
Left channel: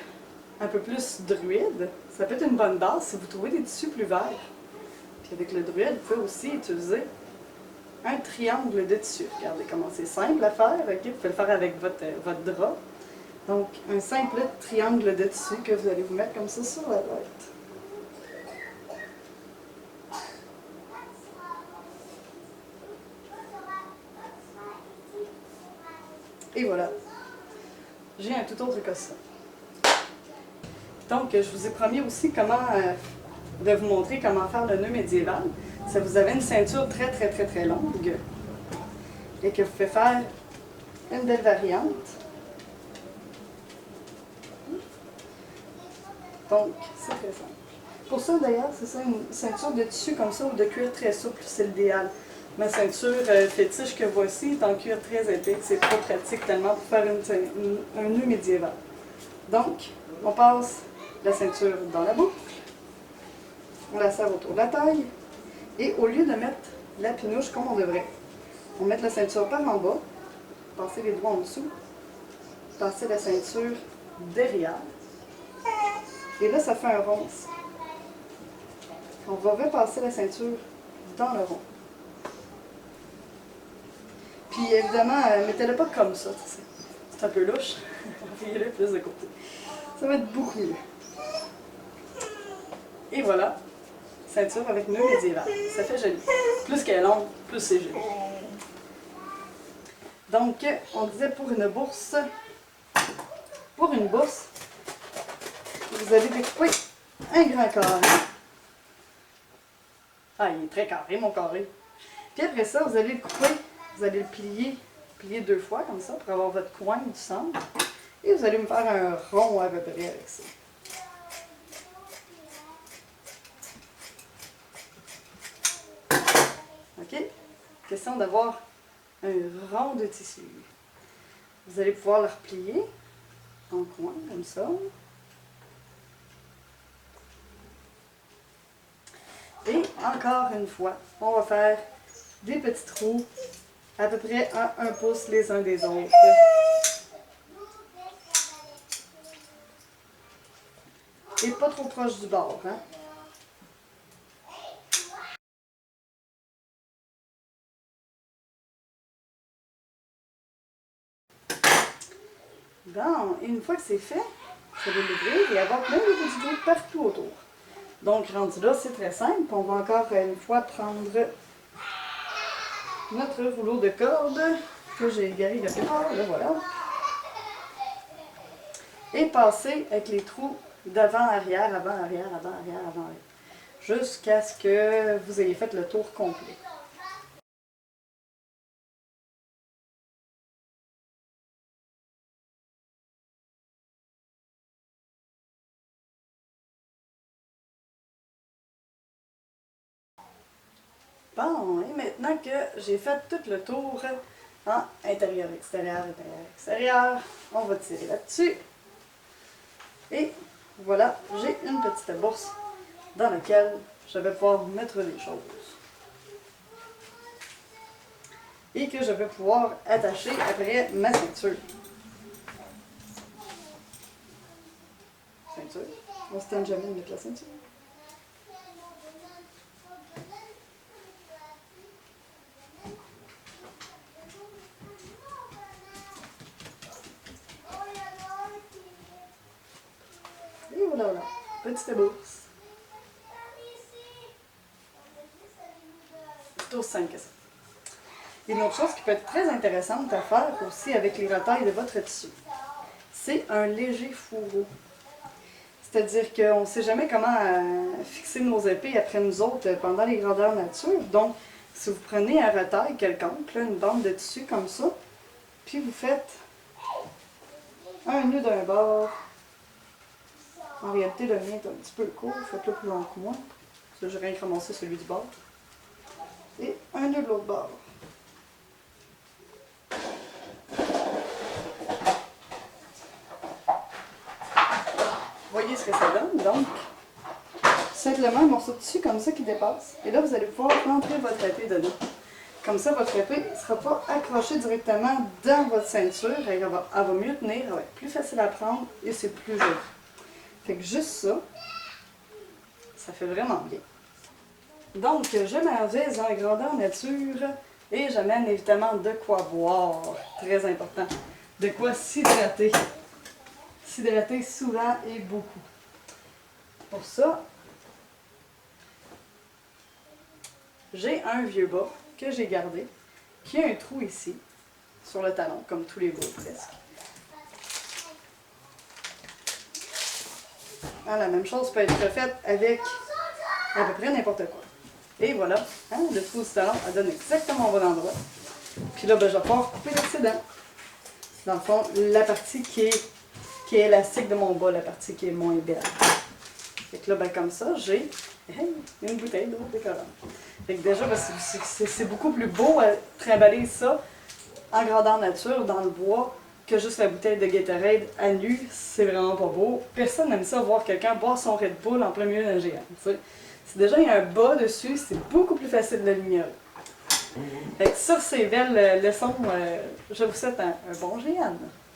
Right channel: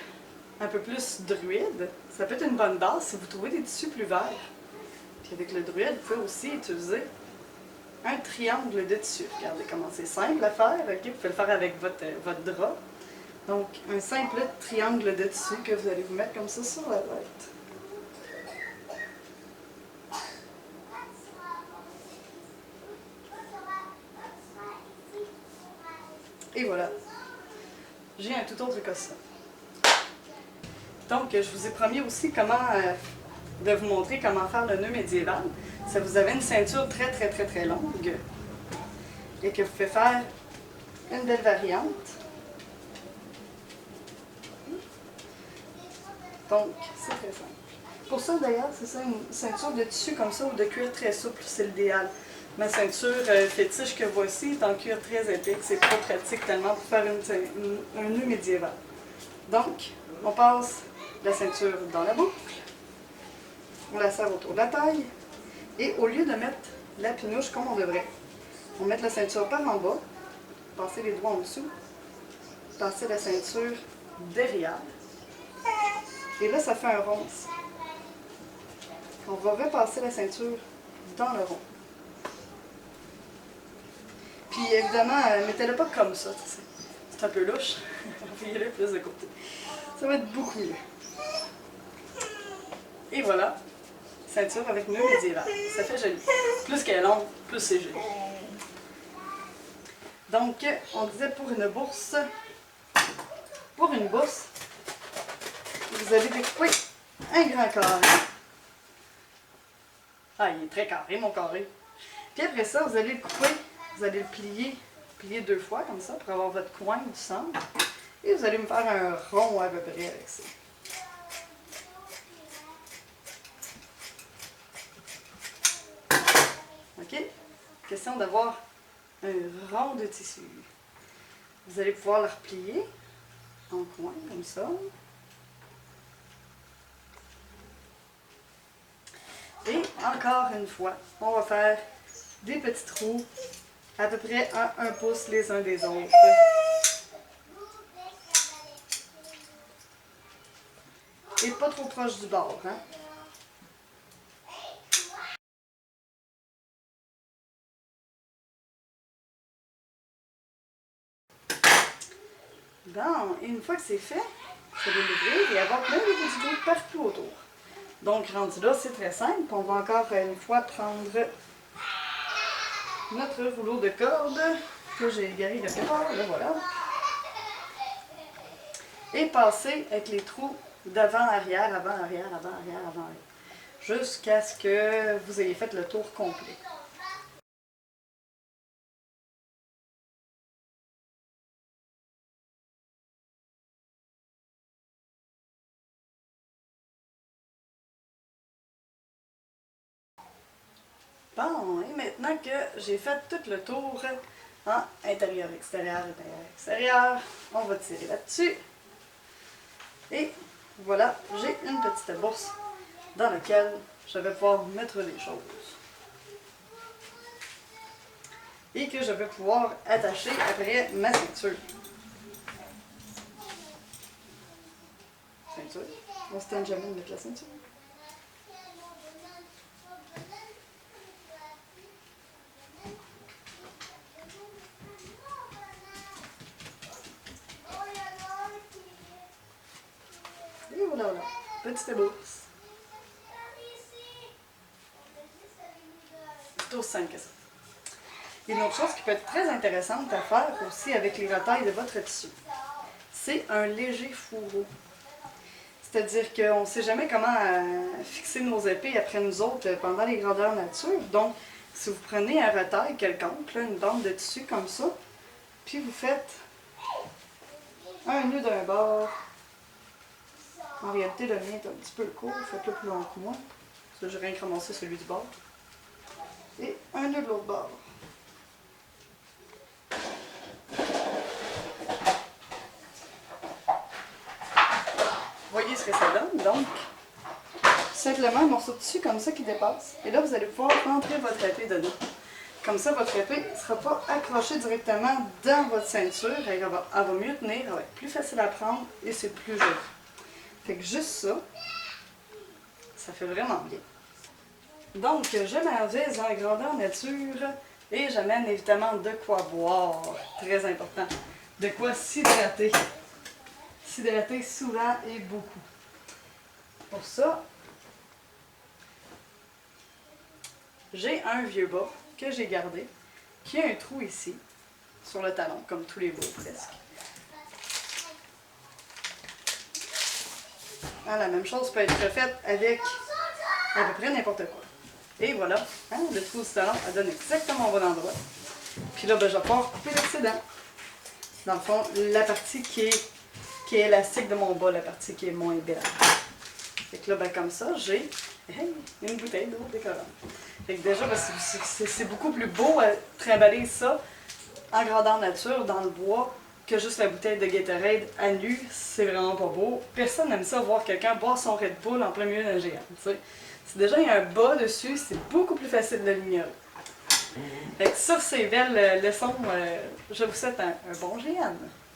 un peu plus druide, ça peut être une bonne base si vous trouvez des tissus plus verts. Puis avec le druide, vous pouvez aussi utiliser un triangle de tissu. Regardez comment c'est simple à faire. Okay? Vous pouvez le faire avec votre drap. Donc, un simple triangle de tissu que vous allez vous mettre comme ça sur la tête. Et voilà, j'ai un tout autre que ça. Donc, je vous ai promis aussi de vous montrer comment faire le nœud médiéval. Si vous avez une ceinture très longue et que vous pouvez faire une belle variante. Donc, c'est très simple. Pour ça, d'ailleurs, c'est ça, une ceinture de tissu comme ça ou de cuir très souple, c'est l'idéal. Ma ceinture fétiche que voici est en cuir très épais. C'est pas pratique tellement pour faire un nœud médiéval. Donc, on passe la ceinture dans la boucle. On la serre autour de la taille. Et au lieu de mettre la pinouche comme on devrait, on met la ceinture par en bas, passer les doigts en dessous, passer la ceinture derrière. Et là, ça fait un rond ici. On va repasser la ceinture dans le rond. Puis évidemment, mettez-le pas comme ça, c'est un peu louche. Envoyez-le plus de côté. Ça va être beaucoup mieux. Et voilà, ceinture avec nœud médiéval. Ça fait joli. Plus qu'elle est longue, plus c'est joli. Donc, on disait pour une bourse, vous allez découper un grand carré. Ah, il est très carré, mon carré. Puis après ça, vous allez le couper, vous allez le plier 2 fois comme ça pour avoir votre coin du centre. Et vous allez me faire un rond à peu près avec ça. OK? Question d'avoir un rond de tissu. Vous allez pouvoir le replier en coin comme ça. Et encore une fois, on va faire des petits trous à peu près à 1 pouce les uns des autres. Et pas trop proche du bord, hein? Bon, et une fois que c'est fait, vous allez l'ouvrir et avoir plein de petits trous partout autour. Donc, rendu là, c'est très simple. On va encore une fois prendre notre rouleau de corde que j'ai égaré quelque part, là voilà. Et passer avec les trous d'avant-arrière, avant-arrière, avant-arrière, avant-arrière. Jusqu'à ce que vous ayez fait le tour complet. Bon, et maintenant que j'ai fait tout le tour en intérieur, extérieur, on va tirer là-dessus. Et voilà, j'ai une petite bourse dans laquelle je vais pouvoir mettre les choses. Et que je vais pouvoir attacher après ma ceinture. Ceinture. On se tente jamais de mettre la ceinture. Et voilà, voilà. Petite bourse. C'est aussi simple que ça. Et une autre chose qui peut être très intéressante à faire aussi avec les retailles de votre tissu, c'est un léger fourreau. C'est-à-dire qu'on ne sait jamais comment fixer nos épées après nous autres pendant les grandeurs nature. Donc, si vous prenez un retail quelconque, là, une bande de tissu comme ça, puis vous faites un nœud d'un bord. En réalité, le mien est un petit peu court, faites-le plus long que moi. Parce que j'ai rien ramassé celui du bord. Et un nœud de l'autre bord. Voyez ce que ça donne, donc simplement un morceau de tissu comme ça qui dépasse. Et là, vous allez pouvoir rentrer votre épée dedans. Comme ça, votre épée ne sera pas accrochée directement dans votre ceinture. Elle va mieux tenir, elle va être plus facile à prendre et c'est plus joli. Fait que juste ça, ça fait vraiment bien. Donc, je m'en vais en grandeur nature et j'amène évidemment de quoi boire. Très important. De quoi s'hydrater. S'hydrater souvent et beaucoup. Pour ça, j'ai un vieux bas que j'ai gardé, qui a un trou ici. sur le talon, comme tous les veaux presque. Ah, la même chose peut être faite avec à peu près n'importe quoi. Et voilà, hein, le trou du talon, elle donne exactement au bon endroit. Puis là, ben, je vais pouvoir couper l'excédent. Dans le fond, la partie qui est élastique de mon bas, la partie qui est moins belle. Fait que là, ben, comme ça, j'ai une bouteille d'eau décollante. Fait que déjà, ben, c'est beaucoup plus beau à trimballer ça en grandeur nature, dans le bois, que juste la bouteille de Gatorade à nu. C'est vraiment pas beau. Personne n'aime ça voir quelqu'un boire son Red Bull en plein milieu d'un géant. T'sais. Si déjà il y a un bas dessus, c'est beaucoup plus facile de l'ignorer. Fait que sur ces belles leçons, je vous souhaite un bon géant.